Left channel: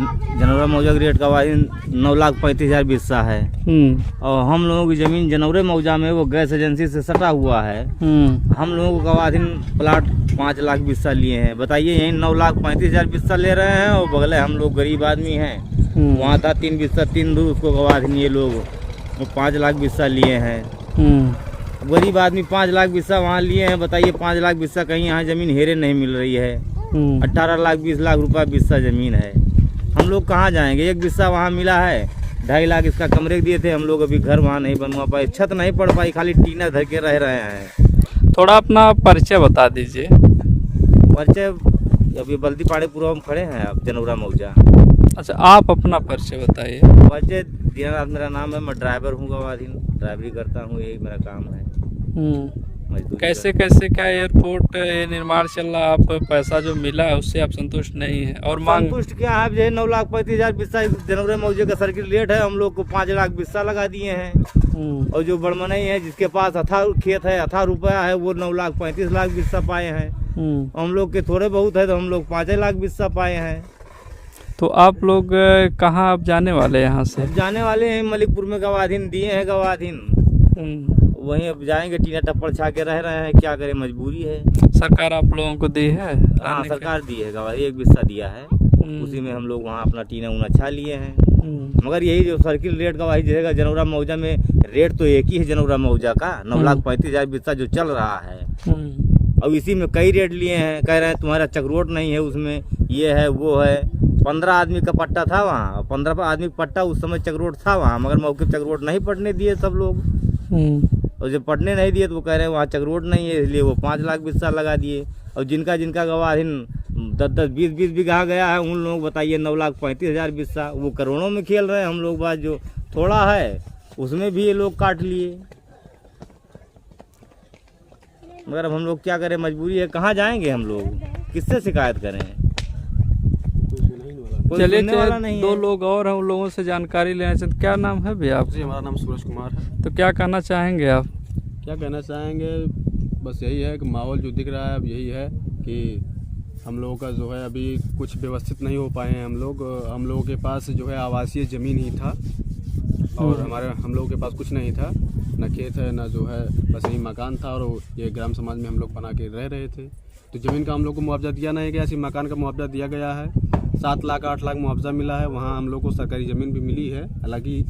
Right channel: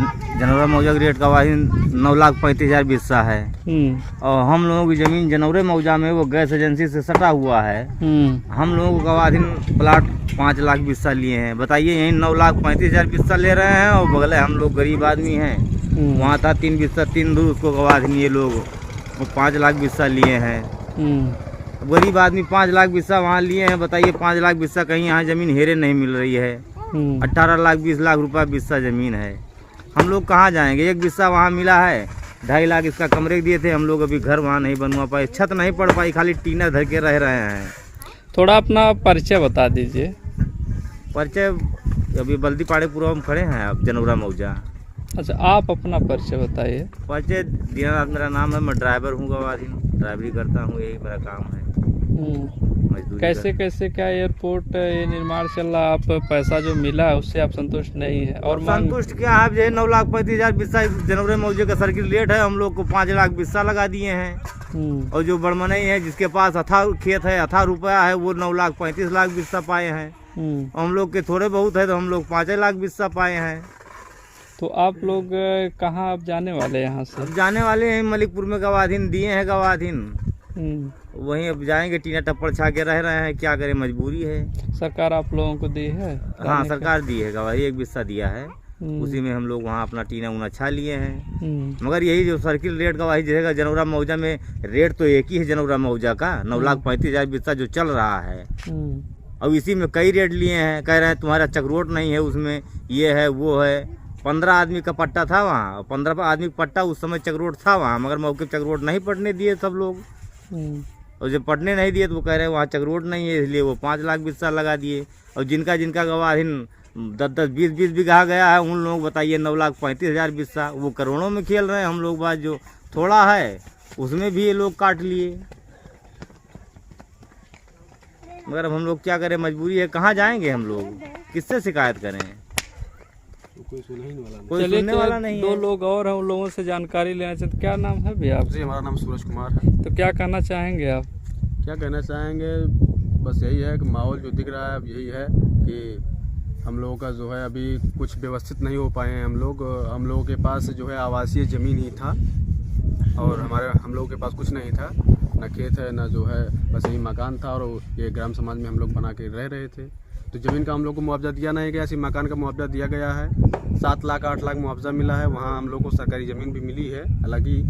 जनौरा मौजा की रेट का वाहिन 9,35,000 बिस्सा है। और हम लोगों की ज़मीन जनौरे मौजा में वो गैस एजेंसी से सटा हुआ है। हम लोगों को गवाधीन प्लाट 5 लाख बिस्सा लिए हैं। बताइए, यहीं 9,35,000 बिस्सा ले रहे हैं और बगले हम लोग गरीब आदमी हैं। वहाँ था 3 बिस्सा 3 दूर, उसको गवाधीन ये लोग वो 5 लाख बिस्सा लिए हैं। गरीब आदमी 5 लाख बिस्सा वहाँ लिए हैं। बताइए, 5 लाख बिस्सा कहीं यहाँ ज़मीन हेरे नहीं मिल रही है। 18 लाख 20 लाख रुपया बिस्सा ज़मीन है। हम लोग कहाँ जाएंगे? एक बिस्सा वहाँ मिला है, 2.5 लाख इसका कमरे दिए थे। हम लोग अभी घर वहाँ नहीं बनवा पाए, छत नहीं पड़ पाई, खाली टीना धर के रह रहे हैं। थोड़ा अपना परिचय बता दीजिए। परिचय अभी बल्दीपाड़े पूर्व हम खड़े हैं, अब जनौरा मौजा। अच्छा, आप अपना परिचय बताइए। परिचय दीनानाथ मेरा नाम है। मैं ड्राइवर हूँ, गवाधीन ड्राइवरी करता हूँ, यही मेरा काम है। कैसे कैसे क्या एयरपोर्ट ये निर्माण चल रहा, आप पैसा जो मिला है उससे आप संतुष्ट नहीं है? और संतुष्ट क्या है? जो 9,35,000 बिस्सा जनवरी मौजे का सर्किल रेट है, हम लोग को 5 लाख बिस्सा लगा दिए हैं। और जो बड़मनई है, जिसके पास अथा खेत है, अथा रुपया है, वो 9,35,000 बिस्सा पाए हैं। हम लोग के थोड़े बहुत है तो हम लोग 5 लाख बिस्सा पाए हैं। तो आप लोग कहाँ अब जाने वाले हैं यहाँ से? अब जाने वाले हैं मलिकपुर में, गवाधीन दिए हैं गवाधीन, वहीं अब जाएंगे। टीना टप्पड़ छा के रह रहे हैं, क्या करें, मजबूरी है। सरकार आप लोगों को दी है? हाँ, सरकार दी है गवाही, 1 बिस्सा दिया है, उसी में हम लोग वहाँ अपना टीना उना छा लिए हैं। मगर यही जो सर्किल रेट गवाही रहेगा जनौरा मौजा में, रेट तो एक ही है जनौरा मौजा का, 9,35,000 बिस्सा जो चल रहा है। अब इसी में कई रेट लिए हैं, कह रहे हैं तुम्हारा चक्रोट नहीं है उसमें, ये है वो है। 15 आदमी का पट्टा था वहाँ, 15 आदमी का पट्टा उस समय चक्रोट था वहाँ, मगर मौके पर चक्रोट नहीं पटने दिए सब लोग। और जब पटने नहीं दिए तो वो कह रहे हैं वहाँ चक्रोट नहीं है, इसलिए वो 5 लाख बिस्सा लगा दिए। और जिनका जिनका गवाधीन 10-10, 20-20 बीघा गया है, उन लोग बताइए 9,35,000 बिस्सा, वो करोड़ों में खेल रहे हैं। हम लोग बात जो थोड़ा है उसमें भी ये लोग काट लिए। मगर अब हम लोग क्या करें, मजबूरी है। कहाँ जाएंगे हम लोग, किससे शिकायत करें? चलिए, तो 2 लोग और हैं, उन लोगों से जानकारी लेना चाहते। क्या नाम है भैया आप? जी, हमारा नाम सूरज कुमार है। तो क्या कहना चाहेंगे आप? क्या कहना चाहेंगे, बस यही है कि माहौल जो दिख रहा है अब यही है कि हम लोगों का जो है अभी कुछ व्यवस्थित नहीं हो पाए हैं। हम लोगों के पास जो है आवासीय ज़मीन ही था और हम लोगों के पास कुछ नहीं था, न खेत है न जो है, बस यही मकान था और ये ग्राम समाज में हम लोग बना के रह रहे थे। तो ज़मीन का हम लोग को मुआवजा दिया नहीं गया, सिर्फ मकान का मुआवजा दिया गया है। 7 लाख 8 लाख मुआवजा मिला है। वहाँ हम लोग को सरकारी ज़मीन भी मिली है हालांकि,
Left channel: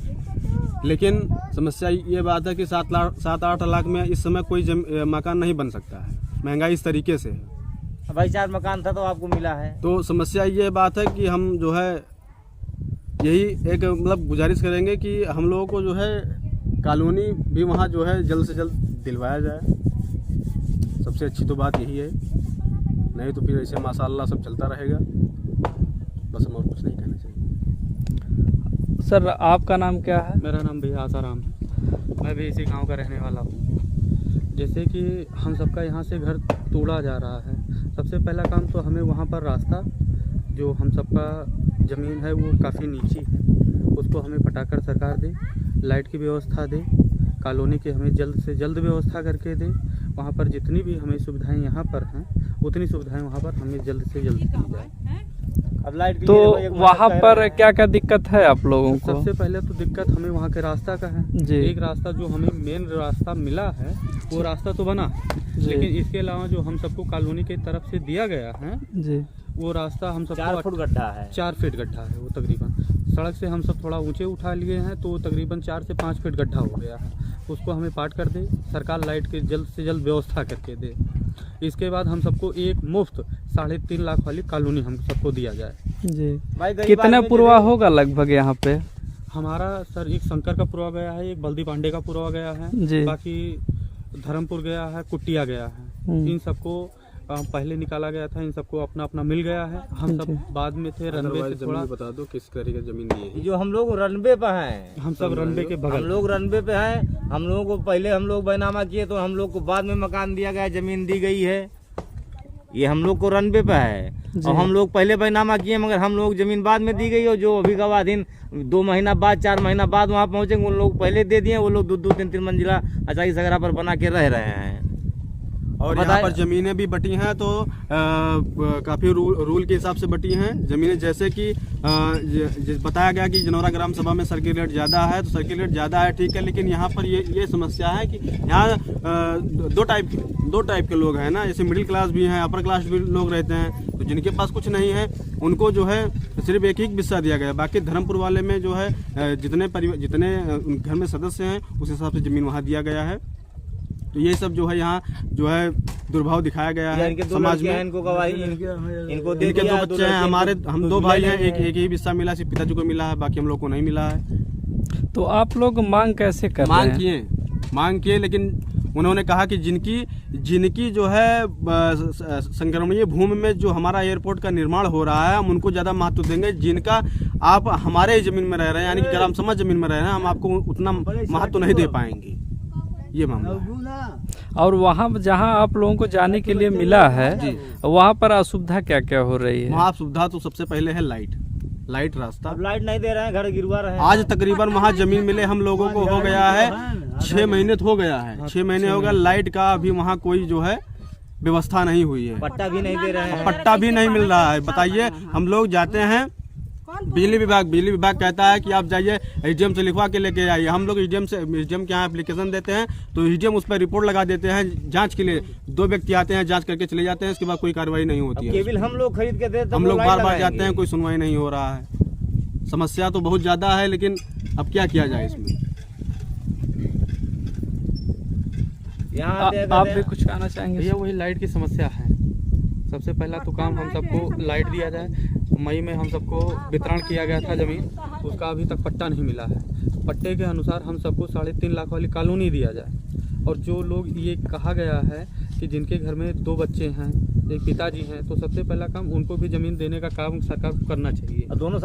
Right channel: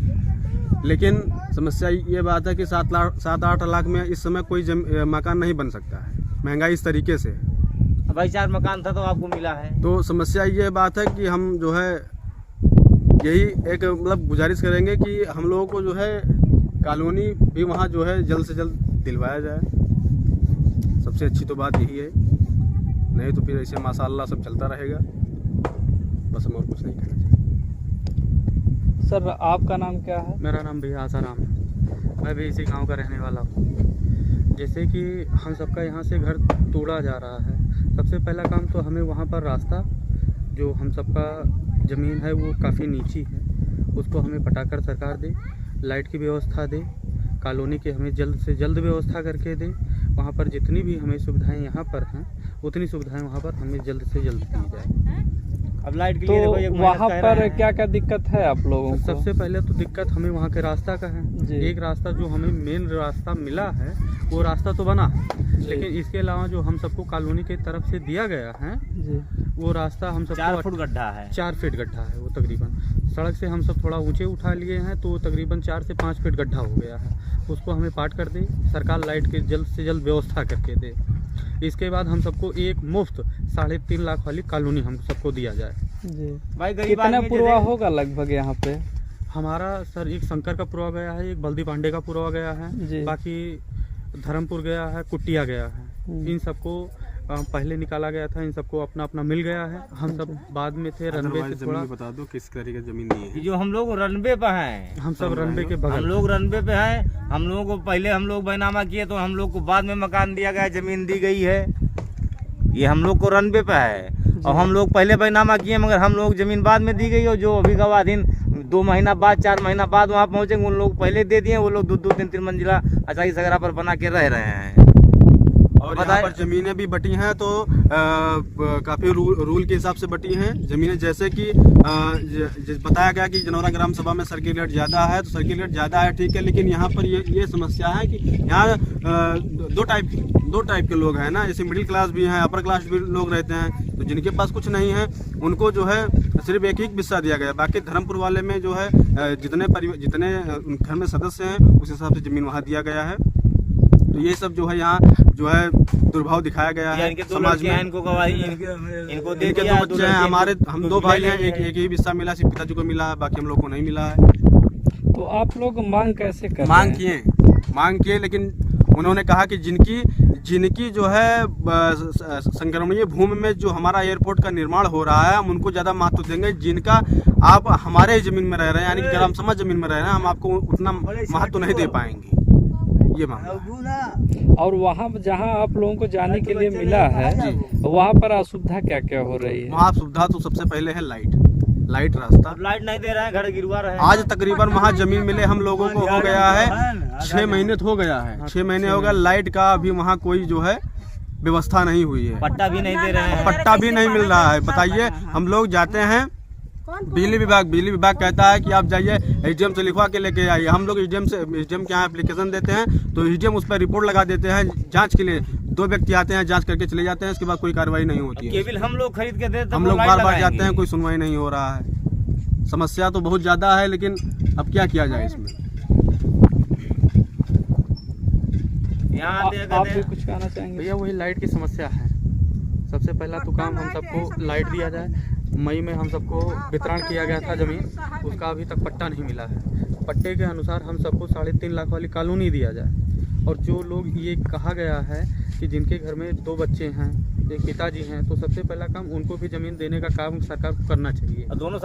लेकिन समस्या ये बात है कि 7-8 लाख में इस समय कोई मकान नहीं बन सकता है, महंगाई इस तरीके से है। भाई 4 मकान था तो आपको मिला है। तो समस्या ये बात है कि हम जो है यही एक मतलब गुजारिश करेंगे कि हम लोगों को जो है कॉलोनी भी वहाँ जो है जल्द से जल्द दिलवाया जाए। सबसे अच्छी तो बात यही है, नहीं तो फिर ऐसे माशाअल्लाह सब चलता रहेगा। बस हम और कुछ नहीं कहना चाहिए। सर, आपका नाम क्या है? मेरा नाम भैया आसाराम है। मैं भी इसी गांव का रहने वाला हूँ। जैसे कि हम सबका यहाँ से घर तोड़ा जा रहा है, सबसे पहला काम तो हमें वहाँ पर रास्ता, जो हम सबका ज़मीन है वो काफ़ी नीची है, उसको हमें पटाकर सरकार दे, लाइट की व्यवस्था दे, कॉलोनी की हमें जल्द से जल्द व्यवस्था करके दे। वहाँ पर जितनी भी हमें सुविधाएं यहाँ पर हैं, उतनी सुविधाएं वहाँ पर हमें जल्द से जल्द दी जाए। अब लाइट तो वहाँ पर क्या क्या दिक्कत है आप लोगों को? सबसे पहले तो दिक्कत हमें वहाँ के रास्ता का है जी। एक रास्ता जो हमें मेन रास्ता मिला है वो रास्ता तो बना, लेकिन इसके अलावा जो हम सबको कॉलोनी की तरफ से दिया गया है जी, वो रास्ता हम सबको 4 फुट गड्ढा है, 4 फीट गड्ढा है वो तकरीबन। सड़क से हम सब थोड़ा ऊंचे उठा लिए हैं तो तकरीबन 4 से 5 फीट गड्ढा हो गया है। उसको हमें पाट कर दे, सरकार लाइट की जल्द से जल्द व्यवस्था करके दे। इसके बाद हम सबको एक मुफ्त 3.5 लाख वाली कॉलोनी हम सबको दिया जाए जी। कितना पुरवा होगा लगभग यहाँ पे? हमारा सर एक शंकर का पुरवा गया है, एक बल्दी पांडे का पुरवा गया है जी। बाकी धर्मपुर गया है, कुटिया गया है। इन सबको पहले निकाला गया था, इन सबको अपना अपना मिल गया है। हम सब बाद में थे रनवे से थोड़ा। बता दो किस तरह की जमीन ली है? जो हम लोग रनवे पे हैं, हम सब रनवे के बगल, हम लोग रनवे पे हैं। हम लोगों को पहले हम लोग बैनामा किए तो हम लोग को बाद में मकान दिया गया, जमीन दी गई है। ये हम लोग को रनवे पे है और हम लोग पहले बैनामा किए, मगर हम लोग जमीन बाद में दी गई। और जो अभी गवाधीन 2 महीना बाद 4 महीना बाद वहाँ पहुँचेंगे, उन लोग पहले दे दिए। वो लोग 2-2, 3-3 मंजिला अचाई सगरा पर बना के रह रहे हैं। और यहाँ पर जमीनें भी बटी हैं तो काफी रूल के हिसाब से बटी हैं जमीनें। जैसे कि बताया गया कि जनौरा ग्राम सभा में सर्किल रेट ज्यादा है, तो सर्किल रेट ज्यादा है ठीक है, लेकिन यहाँ पर ये समस्या है कि यहाँ दो टाइप के लोग हैं ना, जैसे मिडिल क्लास भी हैं, अपर क्लास भी लोग रहते हैं। तो जिनके पास कुछ नहीं है उनको जो है सिर्फ एक ही हिस्सा दिया गया। बाकी धर्मपुर वाले में जो है जितने घर में सदस्य हैं उस हिसाब से जमीन वहाँ दिया गया है। तो ये सब जो है यहाँ जो है दुर्भाव दिखाया गया है समाज में। इनके दो बच्चे हैं, हम 2 भाई हैं, एक ही हिस्सा मिला, सिर्फ पिताजी को मिला है, बाकी हम लोग को नहीं मिला है। तो आप लोग मांग कैसे कर मांग किए, लेकिन उन्होंने कहा कि जिनकी जो है संक्रमणीय भूमि में जो हमारा एयरपोर्ट का निर्माण हो रहा है हम उनको ज्यादा महत्व देंगे। जिनका आप हमारे जमीन में रह रहे हैं यानी कि ग्राम सभा जमीन में रह रहे हैं, हम आपको उतना महत्व नहीं दे पाएंगे, ये मामला। और वहाँ जहाँ आप लोगों को जाने के लिए मिला है वहाँ पर असुविधा क्या क्या हो रही है? वहाँ सुविधा तो सबसे पहले है लाइट रास्ता। लाइट नहीं दे रहे हैं, घर गिरवा रहे हैं। आज तकरीबन वहाँ जमीन मिले हम लोगों को हो गया है 6 महीने हो गया है, 6 महीने हो गया। लाइट का अभी वहाँ कोई जो है व्यवस्था नहीं हुई है, पट्टा भी नहीं दे रहे हैं, पट्टा भी नहीं मिल रहा है। बताइए, हम लोग जाते हैं बिजली विभाग कहता है कि आप जाइए एसडीएम से लिखवा के लेके आइए। हम लोग एसडीएम के यहाँ एप्लीकेशन देते हैं तो एसडीएम उस पर रिपोर्ट लगा देते हैं जांच के लिए। 2 व्यक्ति आते हैं, जांच करके चले जाते हैं, इसके बाद कोई कार्रवाई नहीं होती है। केबल हम लोग खरीद के देते, हम लोग बार जाते हैं, कोई सुनवाई नहीं हो रहा है। समस्या तो बहुत ज्यादा है, लेकिन अब क्या किया जाए इसमें। आप भी कुछ कहना चाहेंगे? भैया वही लाइट की समस्या है। सबसे पहला तो काम हम सबको लाइट दिया जाए। मई में हम सबको वितरण किया गया था जमीन, उसका अभी तक पट्टा नहीं मिला है। पट्टे के अनुसार हम सबको 3.5 लाख वाली कॉलोनी दिया जाए। और जो लोग ये कहा गया है कि जिनके घर में 2 बच्चे हैं, एक पिताजी हैं, तो सबसे पहला काम उनको भी जमीन देने का काम सरकार को करना चाहिए। दोनों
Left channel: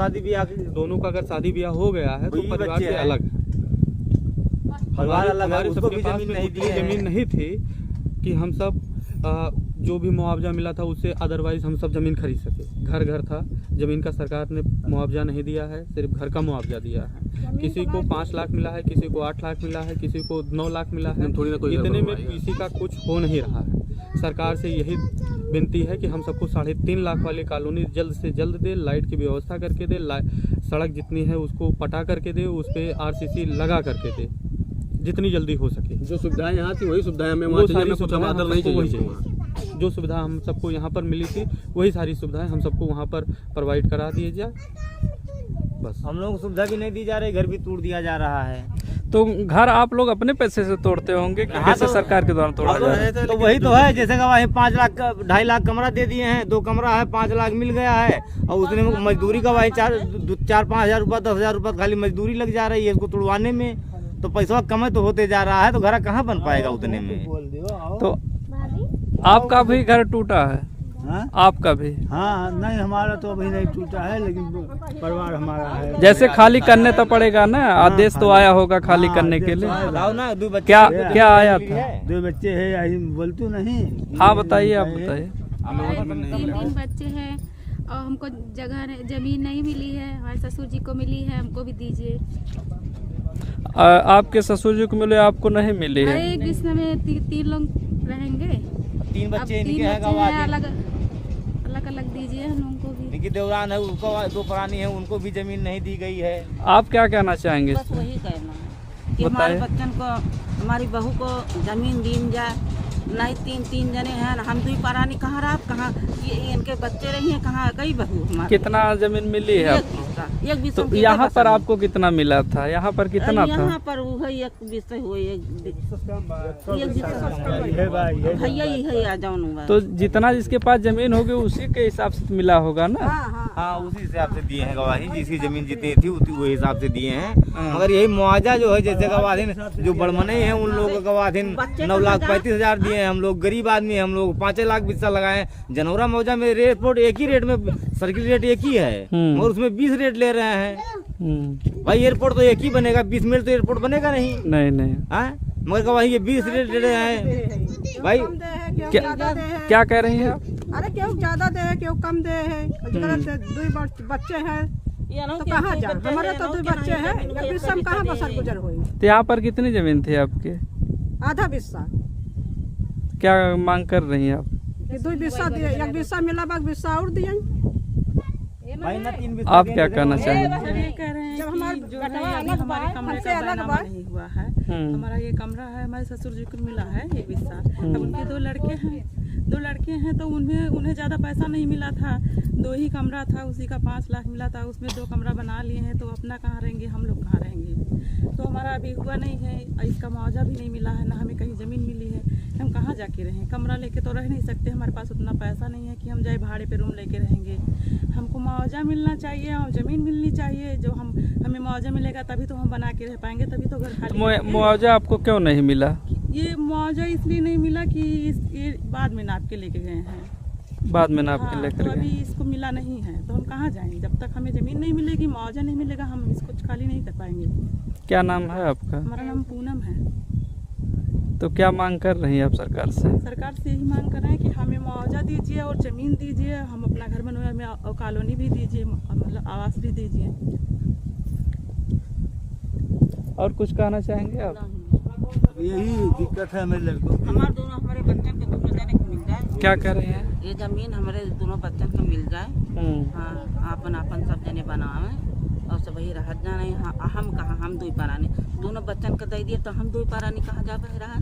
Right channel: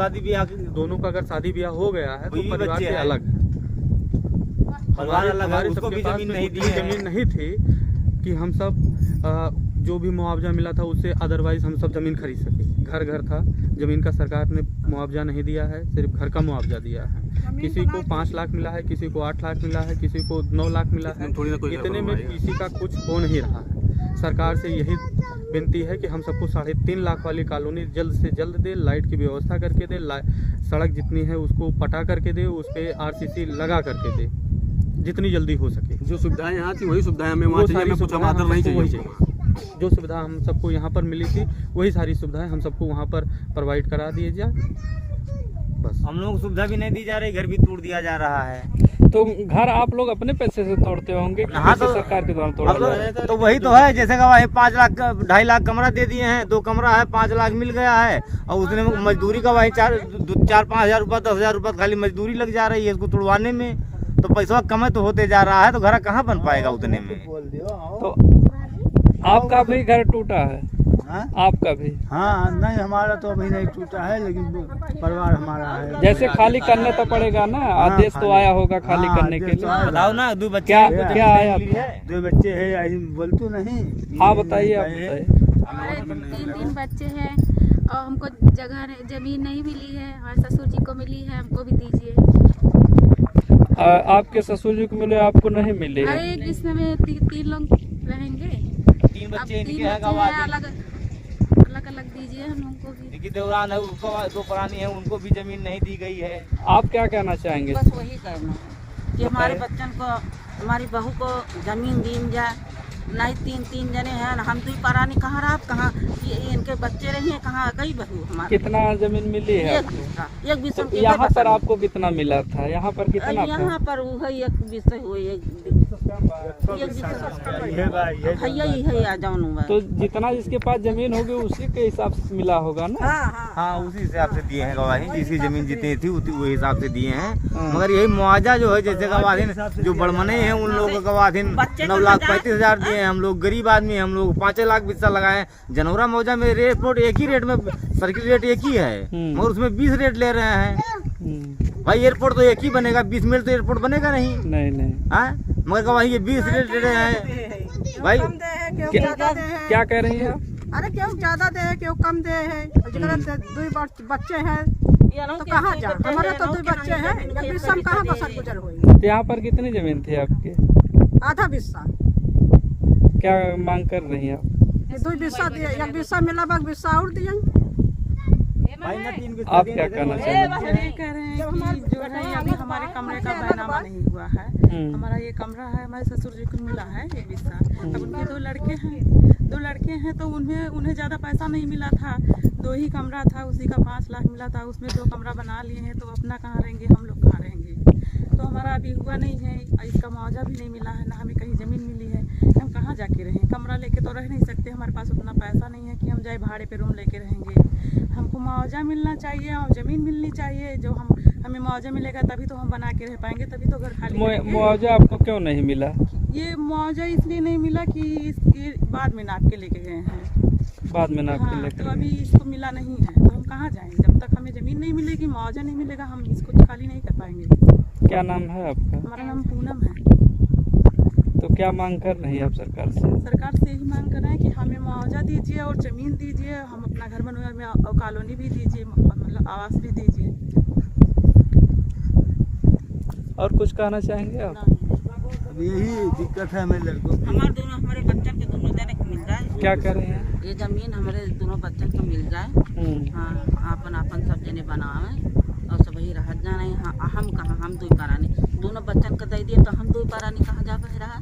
का अगर शादी ब्याह हो गया है तो परिवार से अलग है। हमारे सबके पास जमीन नहीं थी कि हम सब जो भी मुआवजा मिला था उससे अदरवाइज हम सब जमीन खरीद सके। घर था, जमीन का सरकार ने मुआवजा नहीं दिया है, सिर्फ घर का मुआवजा दिया है। किसी को 5 लाख मिला है, किसी को 8 लाख मिला है, किसी को 9 लाख मिला है। इतने में किसी का कुछ हो नहीं रहा है। सरकार से यही विनती है कि हम सबको 3.5 लाख वाली कॉलोनी जल्द से जल्द दे, लाइट की व्यवस्था करके दे, सड़क जितनी है उसको पटा करके दे, उस पर RCC लगा करके दे, जितनी जल्दी हो सके। जो सुविधाएं यहाँ थी वही सुविधाएं हमें वहाँ चाहिए, हमें कुछ आदर नहीं चाहिए। जो सुविधा हम सबको यहाँ पर मिली थी वही सारी सुविधाएं हम सबको वहाँ पर प्रोवाइड करा दिए जाए। बस हम लोग सुविधा भी नहीं दी जा रही, घर भी तोड़ दिया जा रहा है। तो घर आप लोग अपने पैसे से तोड़ते होंगे कि हाँ, तो सरकार के द्वारा तोड़ा? तो वही तो है, जैसे कि 5 लाख 2.5 लाख कमरा दे दिए हैं, 2 कमरा है, 5 लाख मिल गया है, और उसने मजदूरी का वही 4-5 हजार रुपया 10 हजार रुपया खाली मजदूरी लग जा रही है इसको तोड़वाने में। तो पैसा कम तो होते जा रहा है, तो घर कहाँ बन पाएगा उतने में। तो आपका भी घर टूटा है? हाँ? आपका भी? हाँ, नहीं हमारा तो अभी नहीं टूटा है, लेकिन परिवार हमारा है। जैसे खाली करने तो पड़ेगा ना, आदेश तो आया होगा खाली करने के लिए। ना 2 बच्चे क्या आया था? 2 बच्चे है, बोलतू नहीं। हाँ बताइए, आप बताइए। हमारे 3 बच्चे हैं और हमको जमीन नहीं मिली है। हमारे ससुर जी को मिली है, हमको भी दीजिए। आपके ससुर जी को मिले, आपको नहीं मिली है? अरे एक बिस्तर में 3 लोग रहेंगे। 3 बच्चे इनके हैं, अलग दीजिए हम लोगों को भी। इनकी देवरान है, उसको 2 प्राणी है, उनको भी जमीन नहीं दी गई है। आप क्या कहना चाहेंगे? बस वही कहना है कि हमारे बच्चन को, हमारी बहू को जमीन दी जाए। नहीं 3 जने हैं, हम 2 प्राणी कहाँ रहा, कहाँ ये इनके बच्चे रही हैं, कहाँ गई बहू हमारी। कितना जमीन मिली है? एक बिस्सा। तो यहाँ पर आपको कितना मिला था? यहाँ पर कितना था? यहाँ पर वही 1 बिस्सा हुई, भैया आ जाऊँ। तो जितना जिसके पास जमीन होगी उसी के हिसाब से मिला होगा ना? हाँ, उसी हिसाब से दिए हैं गवाही, जिसकी जमीन जितनी थी वो हिसाब से दिए हैं। मगर यही मुआवजा जो है, जैसे गवाही जो बड़मने हैं उन लोगों का गवाही 9,35,000 दिए हैं। हम लोग गरीब आदमी हैं, हम लोग 5 लाख बिस्सा लगाए। जनौरा मौजा में एयरपोर्ट एक ही रेट में, सर्किल रेट एक ही है, मगर उसमें 20 रेट ले रहे हैं। भाई एयरपोर्ट तो एक ही बनेगा, 20 मिल तो एयरपोर्ट बनेगा नहीं। हाँ, मगर गवाही ये 20 रेट ले रहे हैं। भाई क्या कह रही हैं? अरे क्यों ज्यादा दे है, क्यों कम दे है? 2 बच्चे हैं तो कहाँ जा, हमारे तो 2 बच्चे हैं, एक बिस्सा में कहाँ बसर गुजर हुई। तो यहाँ पर कितनी जमीन थी आपकी? आधा बिस्सा। क्या मांग कर रही हैं आप? ये 2 बिस्सा दिए, 1 बिस्सा मिला, 1 बिस्सा और दिए। आप क्या कहना चाहेंगे? ये कह रहे हैं कि जो है अभी हमारे कमरे का बैनामा नहीं हुआ है। हमारा ये कमरा है, हमारे ससुर जी को मिला है 1 बिस्सा। अब उनके 2 लड़के हैं तो उन्हें ज़्यादा पैसा नहीं मिला था। 2 ही कमरा था, उसी का 5 लाख मिला था। उसमें 2 कमरा बना लिए हैं तो अपना कहाँ रहेंगे, हम लोग कहाँ रहेंगे। तो हमारा अभी हुआ नहीं है, इसका मुआवजा भी नहीं मिला है, ना हमें कहीं ज़मीन मिली है। हम कहाँ जाके रहें? कमरा लेके तो रह नहीं सकते, हमारे पास उतना पैसा नहीं है कि हम जाए भाड़े पे रूम लेके रहेंगे। हमको मुआवजा मिलना चाहिए और ज़मीन मिलनी चाहिए। जो हमें मुआवजा मिलेगा तभी तो हम बना के रह पाएंगे, तभी तो घर खाली। मुआवजा आपको क्यों नहीं मिला? ये मुआवजा इसलिए नहीं मिला कि इसकी बाद में नाप के लेके गए हैं। बाद में नाप के लेकर तो अभी इसको मिला नहीं है तो हम कहाँ जाएंगे? जब तक हमें ज़मीन नहीं मिलेगी, मुआवजा नहीं मिलेगा, हम इसको खाली नहीं कर पाएंगे। क्या नाम है आपका? हमारा नाम पूनम है। तो क्या मांग कर रही हैं आप सरकार से? सरकार से यही मांग कर रहे हैं कि हमें मुआवजा दीजिए और ज़मीन दीजिए, हम अपना घर बनवाए में और कॉलोनी भी दीजिए, मतलब आवास भी दीजिए। और कुछ कहना चाहेंगे आप? यही दिक्कत है हमारे लड़कों की। हमारे बच्चन को दोनों जने को मिल जाए। क्या कर रहे हैं? ये जमीन हमारे दोनों बच्चन को मिल जाए। हाँ, अपन सब जने बनावे और सब वही रह जाने। हाँ, हम कहाँ, हम 2 पारानी, दोनों बच्चन को दे दिए तो हम 2 पारानी कहाँ जा रहा।